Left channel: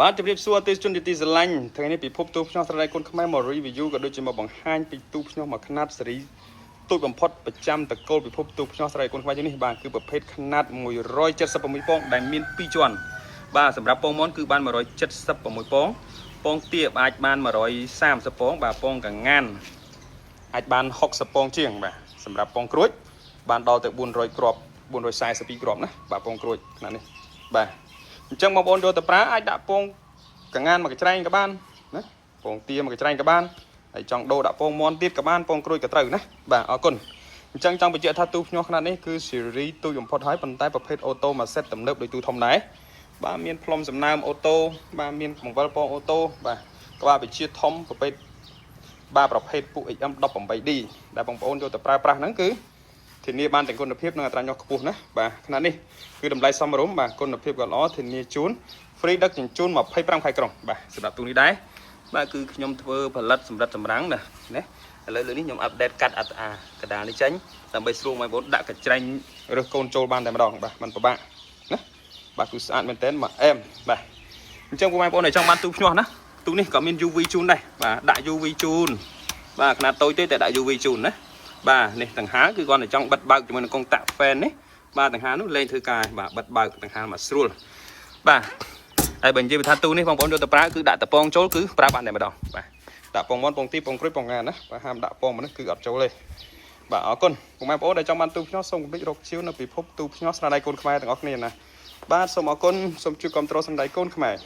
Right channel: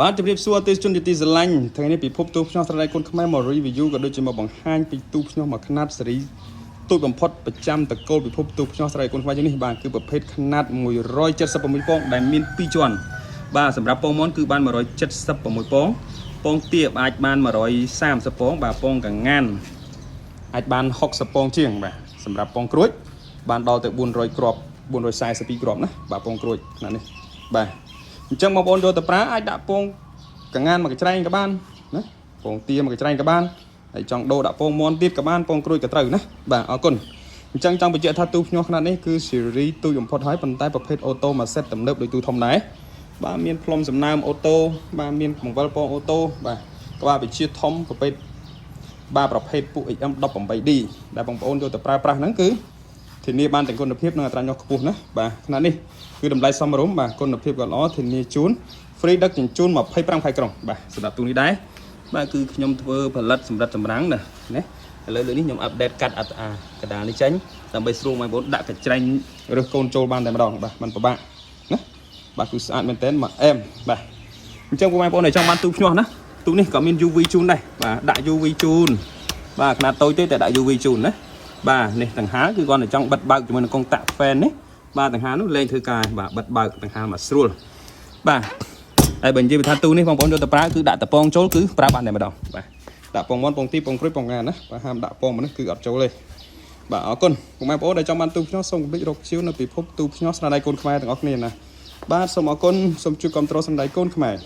បាទជម្រាបសួរទេសជនទីស្រឡាញ់ថ្ងៃនេះពិភពទូភ្នំស្រ័យគុណខ្មែរមក review ក៏ដូចជាមកបង្ហាញពីទូភ្នំមួយຂະຫນាត់សេរីទូចបំផុតប្រចាំតកូលពិភពទូភ្នំស្រ័យគុណខ្មែរនេះបាទគឺប្រភេទຂະຫນាត់176ពងដែលមាន2ជាន់បាទសម្រាប់ពងមាន់គឺបាន176ពងពងទាអាចបាន130ពងបាទពងកងានអាចបាន60ពងជាងបាទសម្រាប់ពងក្រួចបានដល់ទៅ400គ្រាប់442គ្រាប់ណាបាទពងក្រួចຂະຫນាត់នេះបាទអញ្ចឹងបងប្អូនយកទៅប្រើអាចដាក់ពងកងានមកកញ្ច្រែងក៏បានណាពងទាមកកញ្ច្រែងក៏បានហើយចង់ដូរដាក់ពងមាន់ទៀតក៏បានពងក្រួយក៏ត្រូវណាបាទអរគុណអញ្ចឹងចង់បញ្ជាក់ថាទូភ្ញាស់ຂະຫນាត់នេះគឺស៊េរីទូចបំផុតហើយប៉ុន្តែប្រភេទអូតូមួយសេតទំនើបដូចទូធំដែរបាទមានផ្លុំសំណើមអូតូបាទមានបង្វិលពងអូតូបាទក្បាលវិជាធំប្រភេទបាទប្រភេទពួក XM18D ដែលបងប្អូនយកទៅប្រើប្រាស់ហ្នឹងគឺធានាបានទាំងគុណភាពនិងអត្រាញាស់ខ្ពស់ណាបាទຂະຫນាត់នេះគឺតម្លៃសមរម្យបាទគុណភាពក៏ល្អធានាជូន free ដឹកជញ្ជូន25ខែក្រុងបាទសម្រាប់ទូនេះដែរបាទគឺខ្ញុំធ្វើផលិតសម្រាប់ចម្រាំងណាឥឡូវនេះខ្ញុំអាប់ដេតកាត់កដាលនេះចេញដើម្បីស្រួលបងប្អូនដាក់កញ្ច្រែងរើសកូនចូលបានតែម្ដងបាទมันពិបាកណាបាទគឺស្អាតមែនតើមកអែមបាទអញ្ចឹងបងប្អូនដែលចង់បានទូភ្ញាស់ណាទូនេះក៏មាន UV ជូនដែរបាទដាក់ UV ជូនបាទຂະຫນាត់តូចទេតែដាក់ UV ជូនណាបាទនេះដង្ហើគឺគាត់តែចង់បិទបើកជាមួយនឹងកុងតាក់ fan នេះបាទដង្ហើនោះលេងធ្វើការបាទបិទបើកដង្ហើមកស្រួលបាទហើយបើនិយាយថាទូនេះបងប្អូនយកទៅប្រើគឺដាក់តពងចូលគឺប្រើបានតែម្ដងបាទដាក់ពងមាន់ពងទីពងក្រួយពងងានណាបាទហាមដាក់ពងមនុស្សគឺអត់ចូលទេបាទអរគុណបងប្អូនដែលចង់បានទូភ្ញាស់សូមកុំភ្លេចរកជាវនៅពិភពទូភ្ញាស់ស្នាដៃកូនខ្មែរទាំងអស់គ្នាណាបាទសូមអរគុណសូមជួយគាំទ្រស្នាដៃកូនខ្មែរ